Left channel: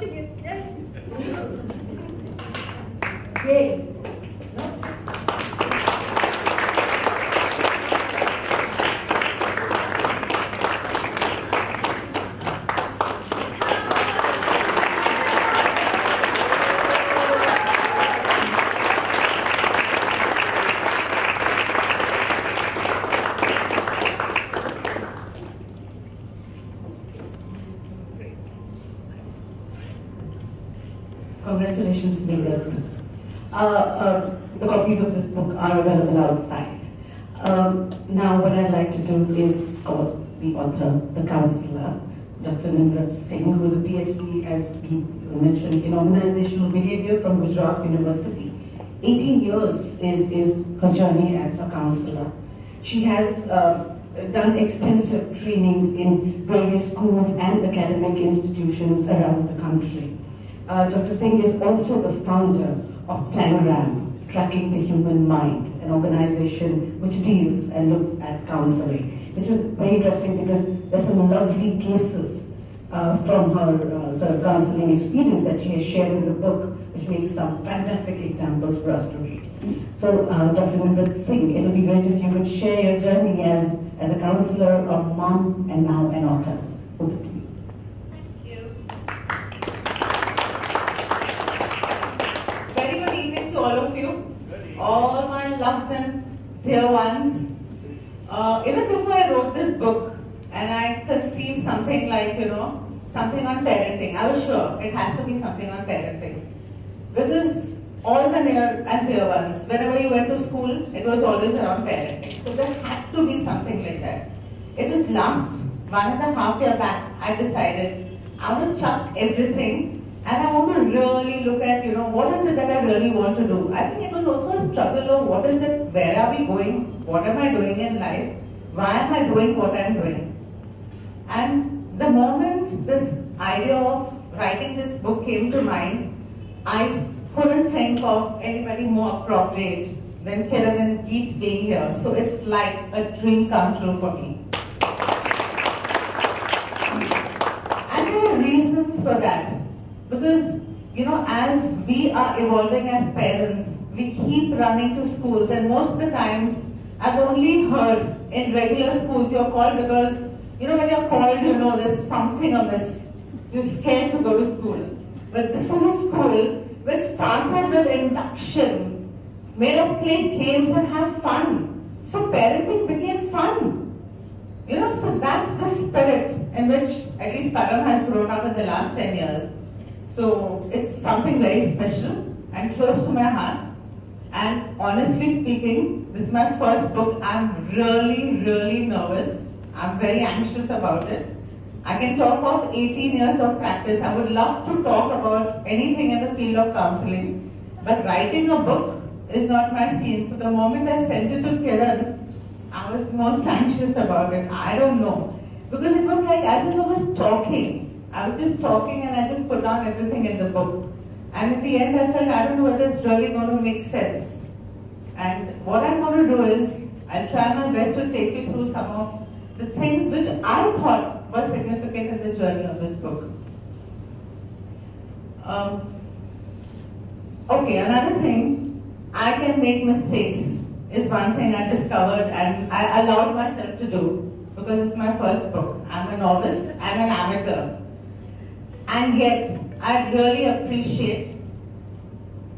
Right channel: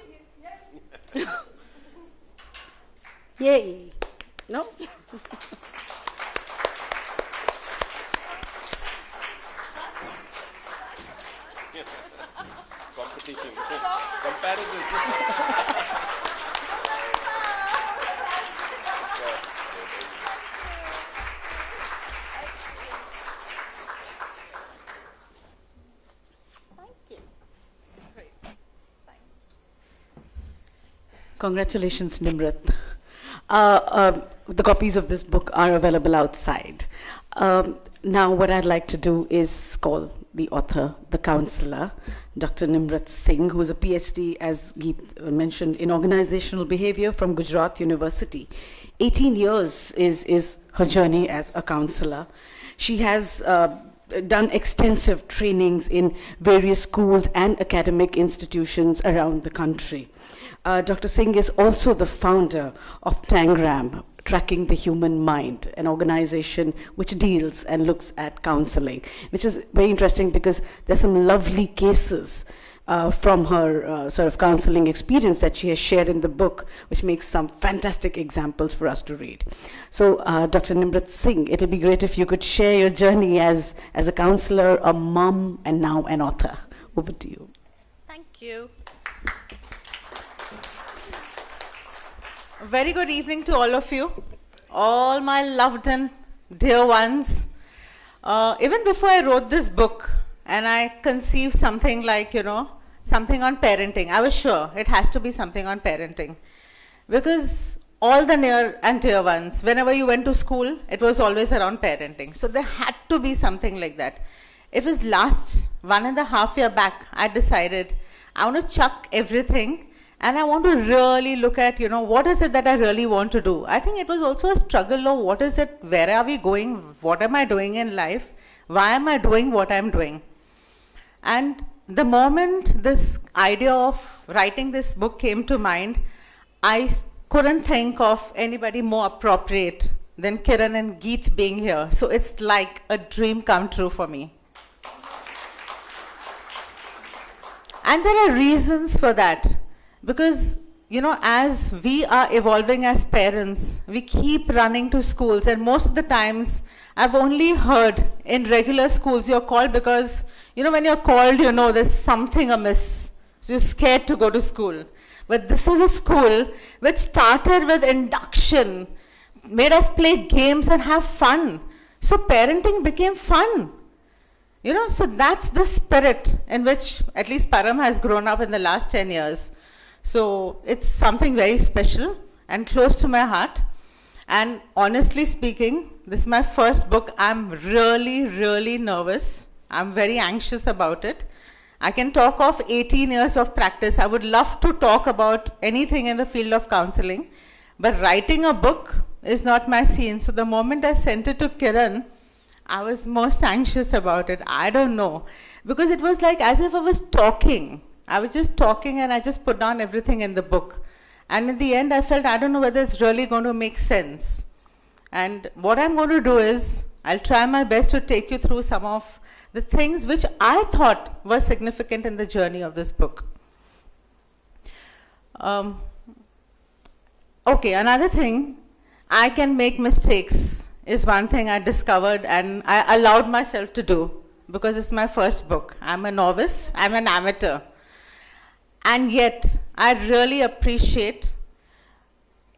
watching it. Yay! Yay! No? Congratulations, Nimrat. The copies of this book are available outside. Now what I'd like to do is call the author, the counselor, Dr. Nimrat Singh, who is a PhD, as Geet mentioned, in organizational behavior from Gujarat University. 18 years is her journey as a counselor. She has done extensive trainings in various schools and academic institutions around the country. Dr. Singh is also the founder of Tangram, Tracking the Human Mind, an organization which deals and looks at counseling, which is very interesting because there's some lovely cases from her sort of counseling experience that she has shared in the book, which makes some fantastic examples for us to read. So, Dr. Nimrat Singh, it'll be great if you could share your journey as a counselor, a mom, and now an author. Over to you. Very good evening to all of you, all my loved and dear ones. Even before I wrote this book and I conceived something like, something on parenting, I was sure it has to be something on parenting. Because all the near and dear ones, whenever you went to school, it was always around parenting. So there had to be something like that. It was last 1.5 years back, I decided I want to chuck everything and I want to really look at, what is it that I really want to do. I think it was also a struggle of what is it, where are we going, what am I doing in life, why am I doing what I'm doing. And the moment this idea of writing this book came to mind, I couldn't think of anybody more appropriate than Kiran and Geet being here. So it's like a dream come true for me. And there are reasons for that. Because, as we are evolving as parents, we keep running to schools, and most of the times, I've only heard in regular schools you're called because, when you're called, there's something amiss. So you're scared to go to school. But this was a school which started with induction, made us play games and have fun. So parenting became fun. So that's the spirit in which at least Param has grown up in the last 10 years. So it's something very special and close to my heart. And honestly speaking, this is my first book. I'm really, really nervous. I'm very anxious about it. I can talk of 18 years of practice. I would love to talk about anything in the field of counseling. But writing a book is not my scene. So the moment I sent it to Kiran, I was most anxious about it. I don't know. Because it was like as if I was talking. I was just talking and I just put down everything in the book. And in the end I felt, I don't know whether it's really going to make sense. And what I'm going to do is, I'll try my best to take you through some of the things which I thought were significant in the journey of this book. Okay, another thing, I can make mistakes is one thing I discovered and I allowed myself to do because it's my first book. I'm a novice, I'm an amateur. And yet, I really appreciate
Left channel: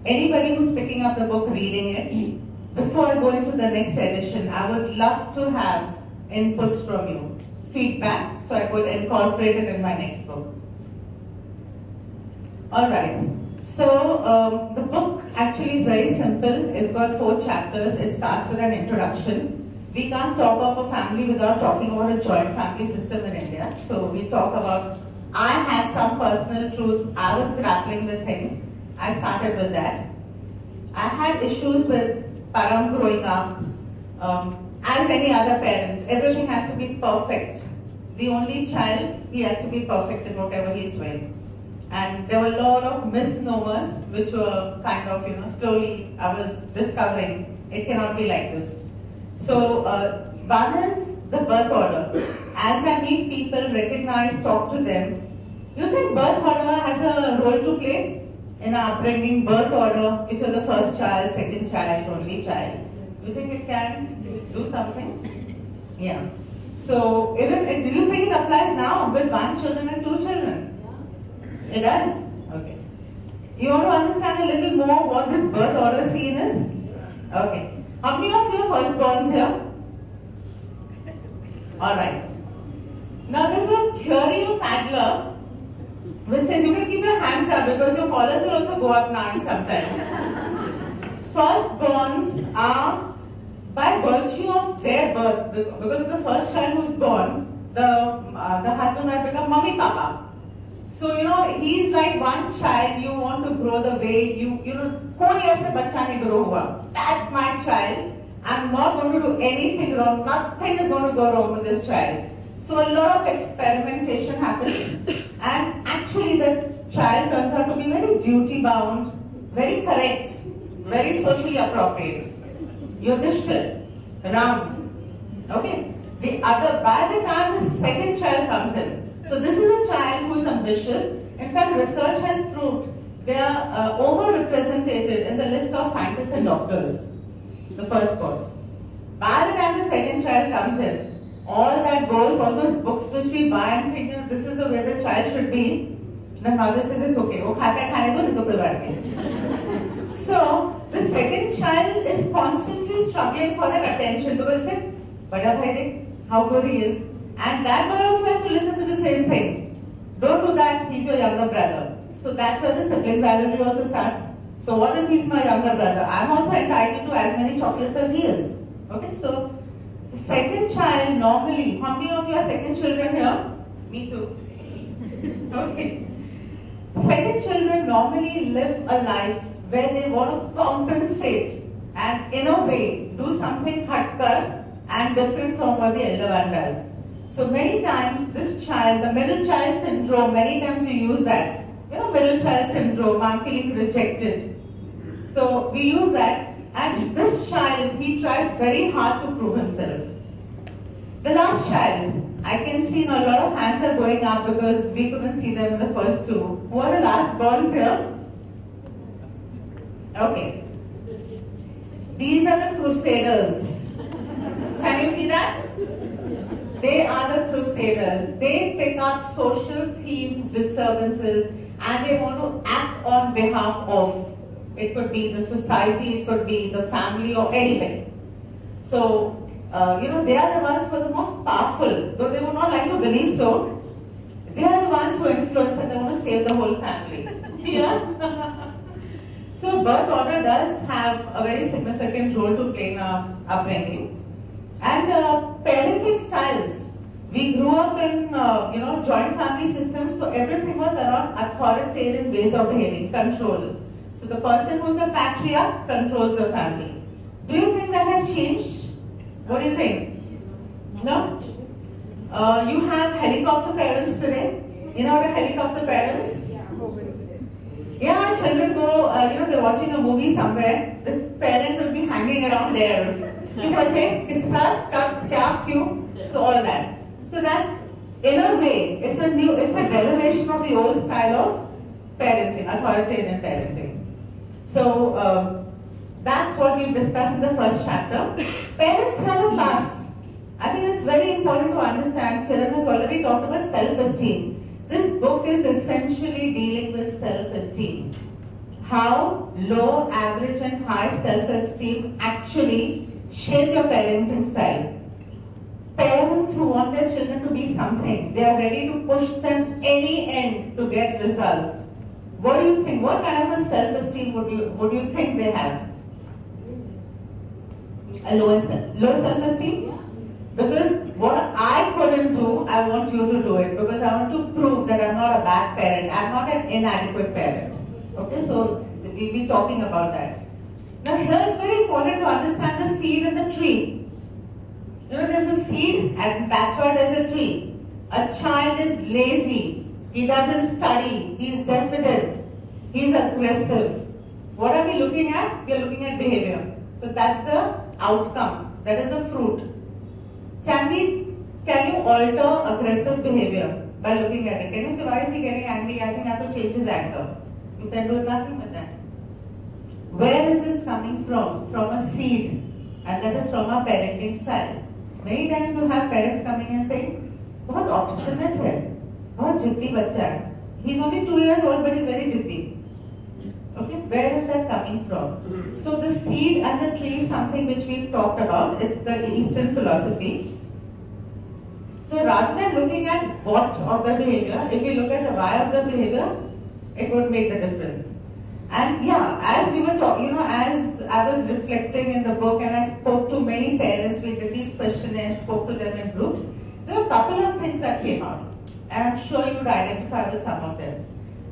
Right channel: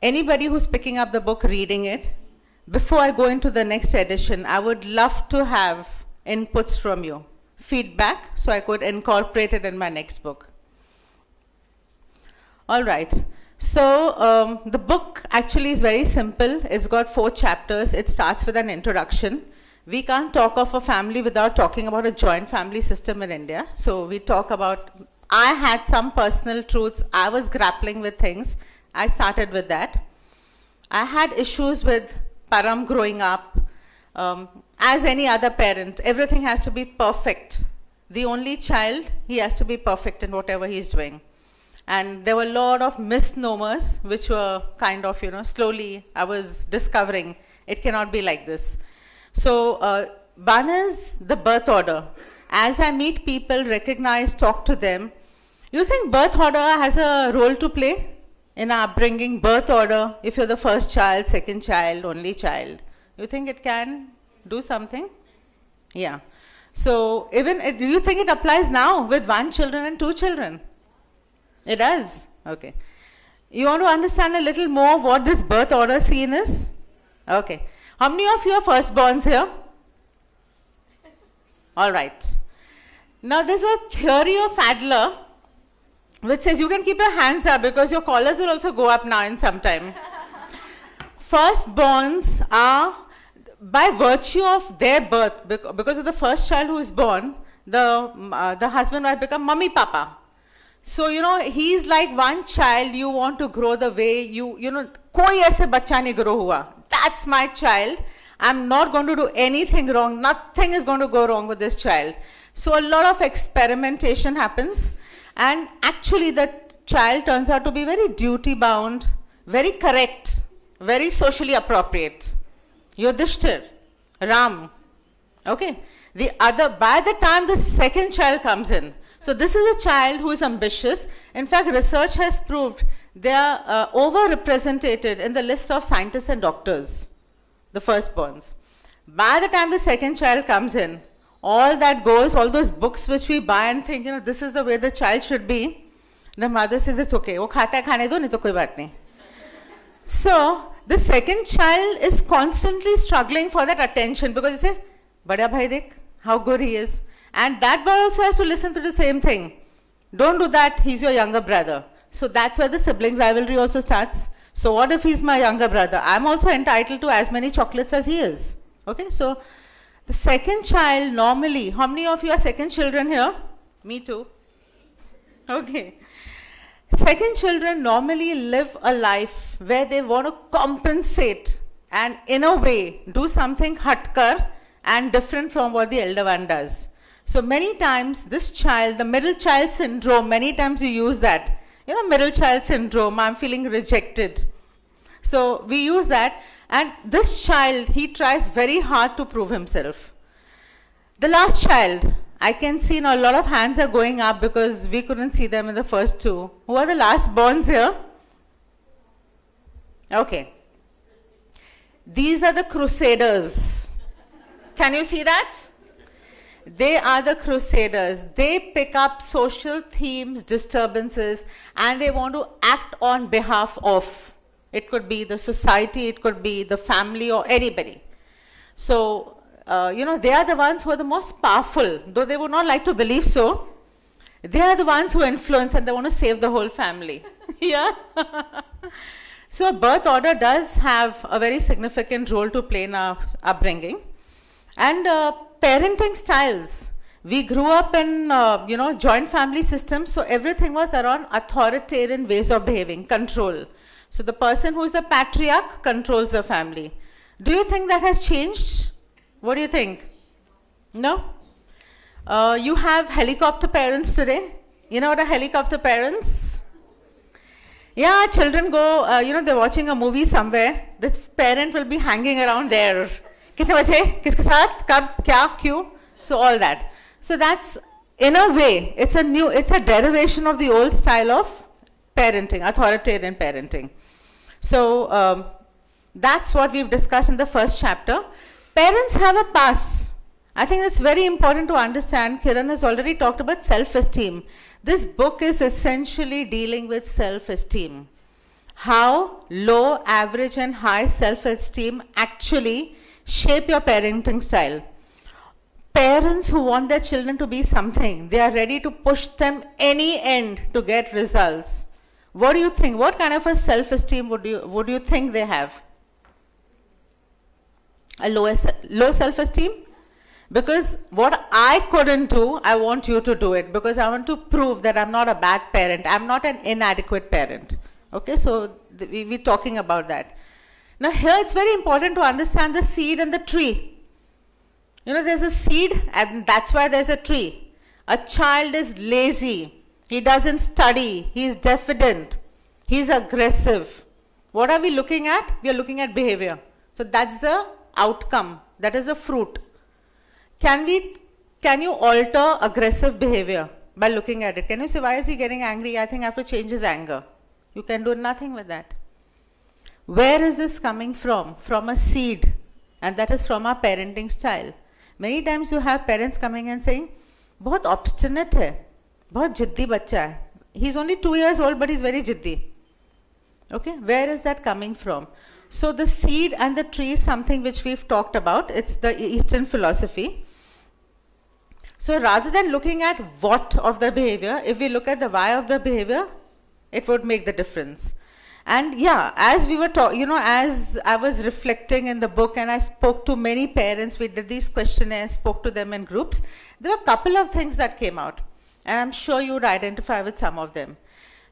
anybody who's picking up the book, reading it. Before I go into the next edition, I would love to have inputs from you, feedback, so I could incorporate it in my next book. All right, so the book actually is very simple. It's got 4 chapters. It starts with an introduction. We can't talk of a family without talking about a joint family system in India. So we talk about, I had some personal truths. I was grappling with things. I started with that. I had issues with Param growing up. As any other parent, everything has to be perfect. The only child, he has to be perfect in whatever he's doing. And there were a lot of misnomers which were kind of, slowly I was discovering it cannot be like this. So one is the birth order. As I meet people, recognize, talk to them, You think birth order has a role to play in our upbringing? Birth order, if you're the first child, second child, only child, you think it can do something? Yeah. So do you think it applies now with 1 children and 2 children? It does? Okay. You want to understand a little more what this birth order scene is? Okay. How many of you are firstborns here? Alright. Now there's a theory of Adler which says you can keep your hands up because your collars will also go up now in some time. Firstborns are, by virtue of their birth, because of the first child who is born, the husband might become mummy papa. So, he's like one child you want to grow the way koi aise bachcha nahi grow hua. That's my child. I'm not going to do anything wrong. Nothing is going to go wrong with this child. So a lot of experimentation happens, and actually the child turns out to be very duty bound, very correct, very socially appropriate. Yudhishthir, Ram. Okay. By the time the second child comes in, so this is a child who is ambitious. In fact, research has proved they are overrepresented in the list of scientists and doctors, the firstborns. By the time the second child comes in, all that goes, all those books which we buy and think, this is the way the child should be, the mother says it's okay. वो खाता है खाने दो नहीं तो कोई बात नहीं. So the second child is constantly struggling for that attention because they say, "Bada bhai dekh how good he is," and that boy also has to listen to the same thing. Don't do that. He's your younger brother. So that's why the sibling rivalry also starts. So what if he's my younger brother? I'm also entitled to as many chocolates as he is. Okay, so the second child normally, how many of you are second children here? Me too. Okay. Second children normally live a life where they want to compensate and in a way do something hatkar and different from what the elder one does. So many times this child, the middle child syndrome, many times you use that. Middle child syndrome, I'm feeling rejected. So we use that, and this child, he tries very hard to prove himself. The last child, I can see now a lot of hands are going up because we couldn't see them in the first two. Who are the last borns here? Okay. These are the crusaders. Can you see that? They are the crusaders. They pick up social themes, disturbances, and they want to act on behalf of. It could be the society, it could be the family or anybody. So, they are the ones who are the most powerful, though they would not like to believe so. They are the ones who influence and they want to save the whole family. Yeah? So, birth order does have a very significant role to play in our upbringing. And parenting styles. We grew up in, joint family systems, so everything was around authoritarian ways of behaving, control. So the person who is the patriarch controls the family. Do you think that has changed? What do you think? No? You have helicopter parents today. You know what are helicopter parents? Yeah, children go, they're watching a movie somewhere. The parent will be hanging around there. कितने बच्चे किसके साथ कब क्या क्यों so all that. So that's in a way it's a derivation of the old style of parenting, authoritarian parenting. So that's what we've discussed in the first chapter. Parents have a past. I think that's very important to understand. Kiran has already talked about self-esteem. This book is essentially dealing with self-esteem. How low, average and high self-esteem actually shape your parenting style. Parents who want their children to be something, they are ready to push them any end to get results. What do you think? What kind of a self-esteem would you think they have? A low self-esteem? Because what I couldn't do, I want you to do it because I want to prove that I'm not a bad parent. I'm not an inadequate parent. Okay, so we're talking about that. Now here it's very important to understand the seed and the tree. There's a seed and that's why there's a tree. A child is lazy. He doesn't study. He's diffident. He's aggressive. What are we looking at? We are looking at behavior. So that's the outcome. That is the fruit. Can you alter aggressive behavior? by looking at it. Can you say, why is he getting angry? I think I have to change his anger. You can do nothing with that. Where is this coming from? From a seed, and that is from our parenting style. Many times you have parents coming and saying, बहुत obstinate है, बहुत जिद्दी बच्चा है. He's only 2 years old, but he's very जिद्दी. Okay, where is that coming from? So the seed and the tree is something which we've talked about. It's the Eastern philosophy. So rather than looking at what of the behavior, if we look at the why of the behavior, it would make the difference. And yeah, as we were talking, as I was reflecting in the book and I spoke to many parents, we did these questionnaires, spoke to them in groups, there were a couple of things that came out. And I'm sure you would identify with some of them.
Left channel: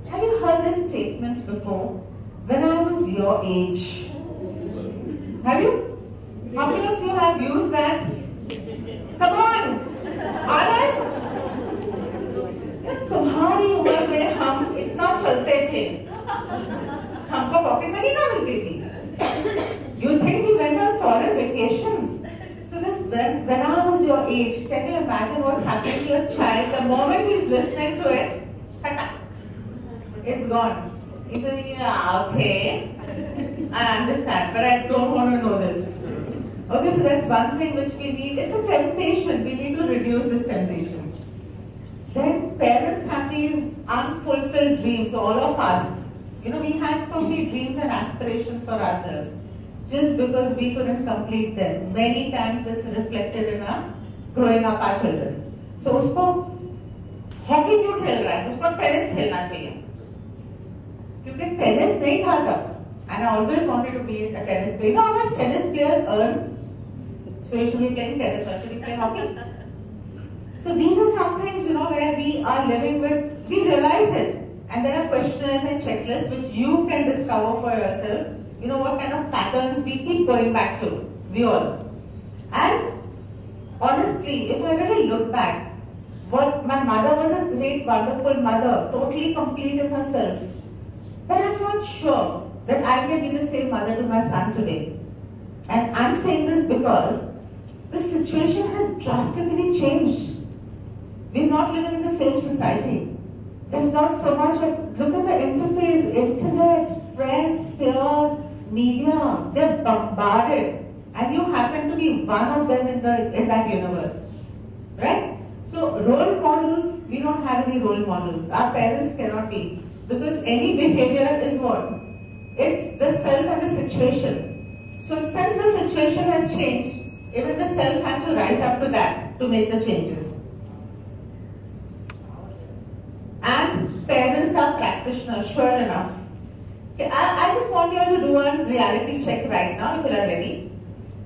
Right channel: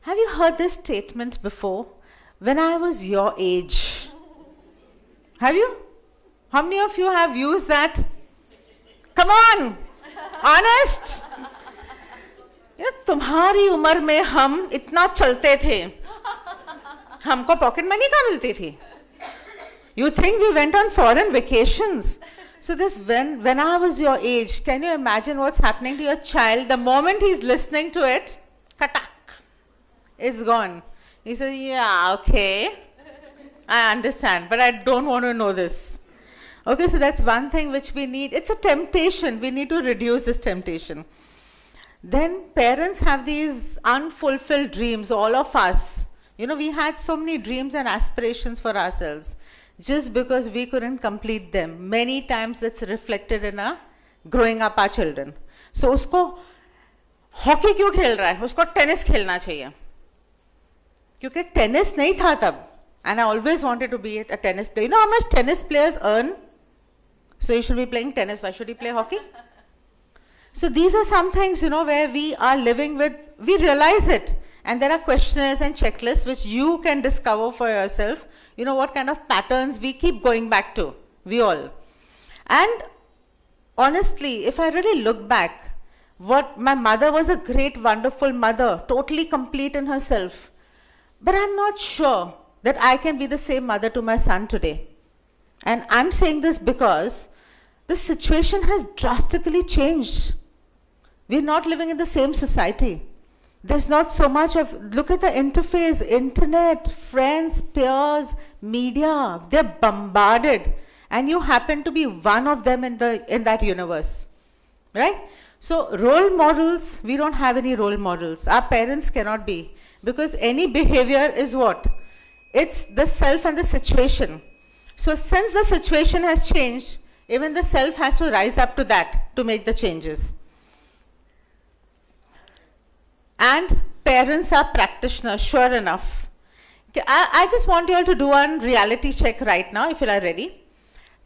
Have you heard this statement before? When I was your age. Have you? How many of you have used that? Come on! Honest? तुम्हारी उम्र में हम इतना चलते थे, हमको pocket money कहाँ मिलती थी? You think we went on foreign vacations? So this when I was your age, can you imagine what's happening to your child? The moment he's listening to it, katak, it's gone. He says, yeah, okay, I understand, but I don't want to know this. Okay, so that's one thing which we need. It's a temptation. We need to reduce this temptation. Then parents have these unfulfilled dreams, all of us. We had so many dreams and aspirations for ourselves. Just because we couldn't complete them. Many times it's reflected in our growing up our children. So usko hockey क्यों खेल रहा है? उसको tennis खेलना चाहिए. क्योंकि tennis नहीं था तब. And I always wanted to be a tennis player. You know how much tennis players earn? So you should be playing tennis. Why should you play hockey? So these are some things, where we are living with, we realize it. And there are questionnaires and checklists which you can discover for yourself. What kind of patterns we keep going back to, we all. And honestly, if I really look back, my mother was a great, wonderful mother, totally complete in herself. But I'm not sure that I can be the same mother to my son today. And I'm saying this because the situation has drastically changed. We're not living in the same society. There's not so much of, look at the interface, internet, friends, peers, media, they're bombarded. And you happen to be one of them in that universe, right? So role models, we don't have any role models. Our parents cannot be, because any behavior is what? It's the self and the situation. So since the situation has changed, even the self has to rise up to that to make the changes. And parents are practitioners, sure enough. I just want you all to do a reality check right now, if you are ready.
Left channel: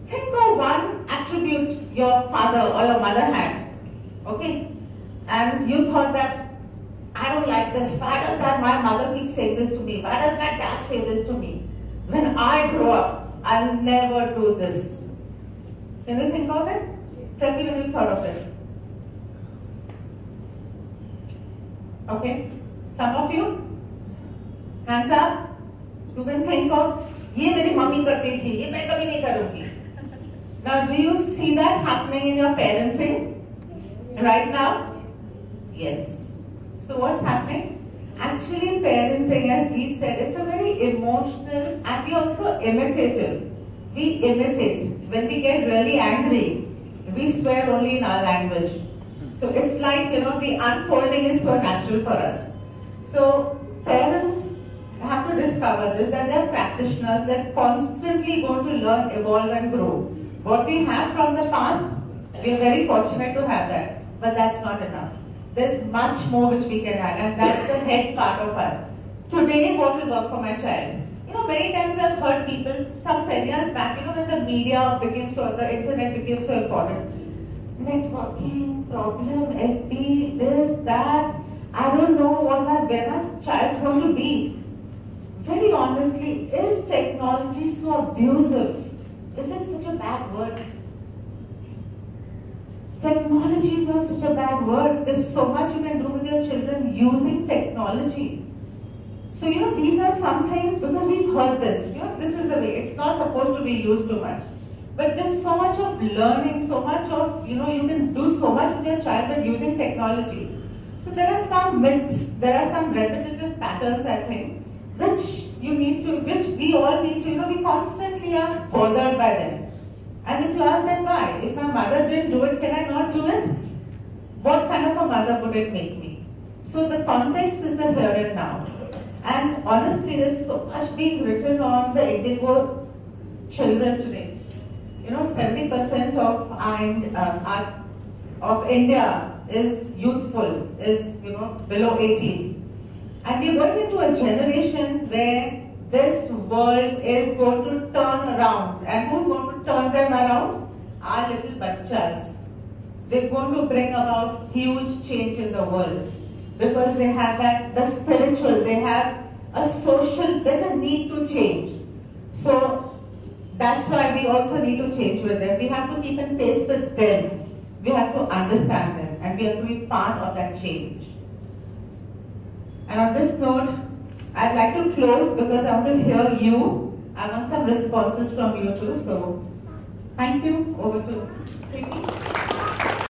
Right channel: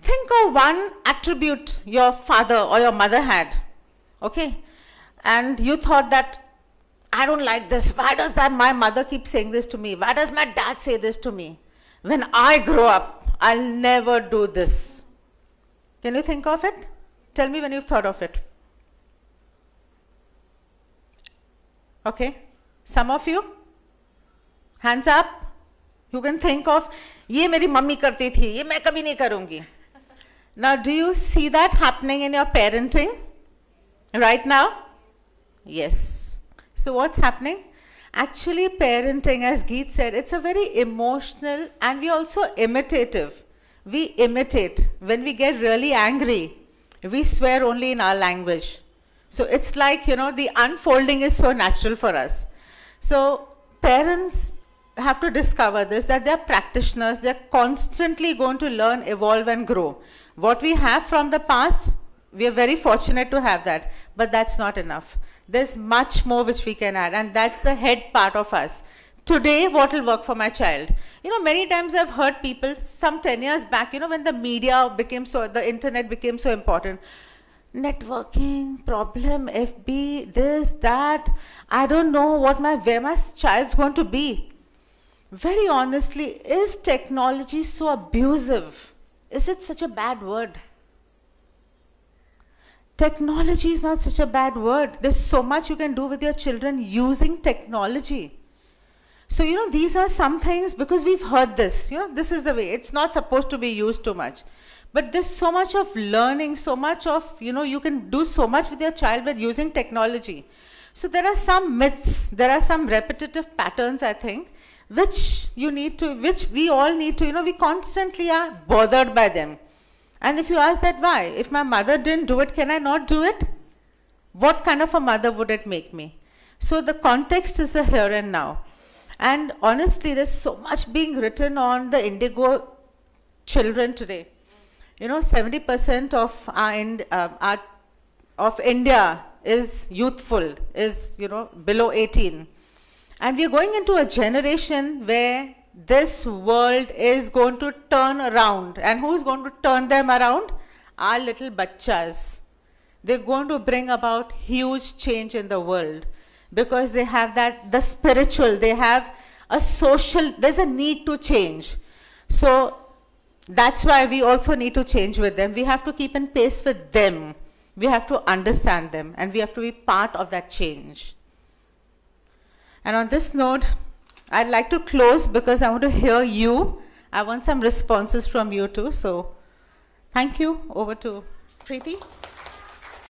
Think of one attribute your father or your mother had, okay? And you thought that, I don't like this. Why does my mother keep saying this to me? Why does my dad say this to me? When I grow up, I'll never do this. Can you think of it? Tell me when you've thought of it. Okay, some of you, hands up. You can think of, ये मेरी mummy करती थी, ये मैं कभी नहीं करूँगी. Now, do you see that happening in your parenting right now? Yes. So what's happening? Actually, parenting, as Geet said, it's a very emotional and we also imitative. We imitate. When we get really angry, we swear only in our language. So it's like, the unfolding is so natural for us. So parents have to discover this, that they're practitioners, they're constantly going to learn, evolve and grow. What we have from the past, we are very fortunate to have that, but that's not enough. There's much more which we can add, and that's the head part of us. Today, what will work for my child? Many times I've heard people, some 10 years back, when the media became the internet became so important. Networking, problem, FB, this, that, I don't know where my child's going to be. Very honestly, is technology so abusive? Is it such a bad word? Technology is not such a bad word. There's so much you can do with your children using technology. So, these are some things, because we've heard this, this is the way. It's not supposed to be used too much. But there's so much of learning, so much of, you can do so much with your child with using technology. So there are some myths, there are some repetitive patterns, I think, which we all need to, we constantly are bothered by them. And if you ask that why, if my mother didn't do it, can I not do it? What kind of a mother would it make me? So the context is the here and now. And honestly, there's so much being written on the indigo children today. 70% of India is youthful, is below 18. And we're going into a generation where this world is going to turn around. And who's going to turn them around? Our little bachchas. They're going to bring about huge change in the world because they have the spiritual, they have a social, there's a need to change. So that's why we also need to change with them. We have to keep in pace with them. We have to understand them and we have to be part of that change. And on this note, I'd like to close because I want to hear you. I want some responses from you too. So thank you. Over to Preeti.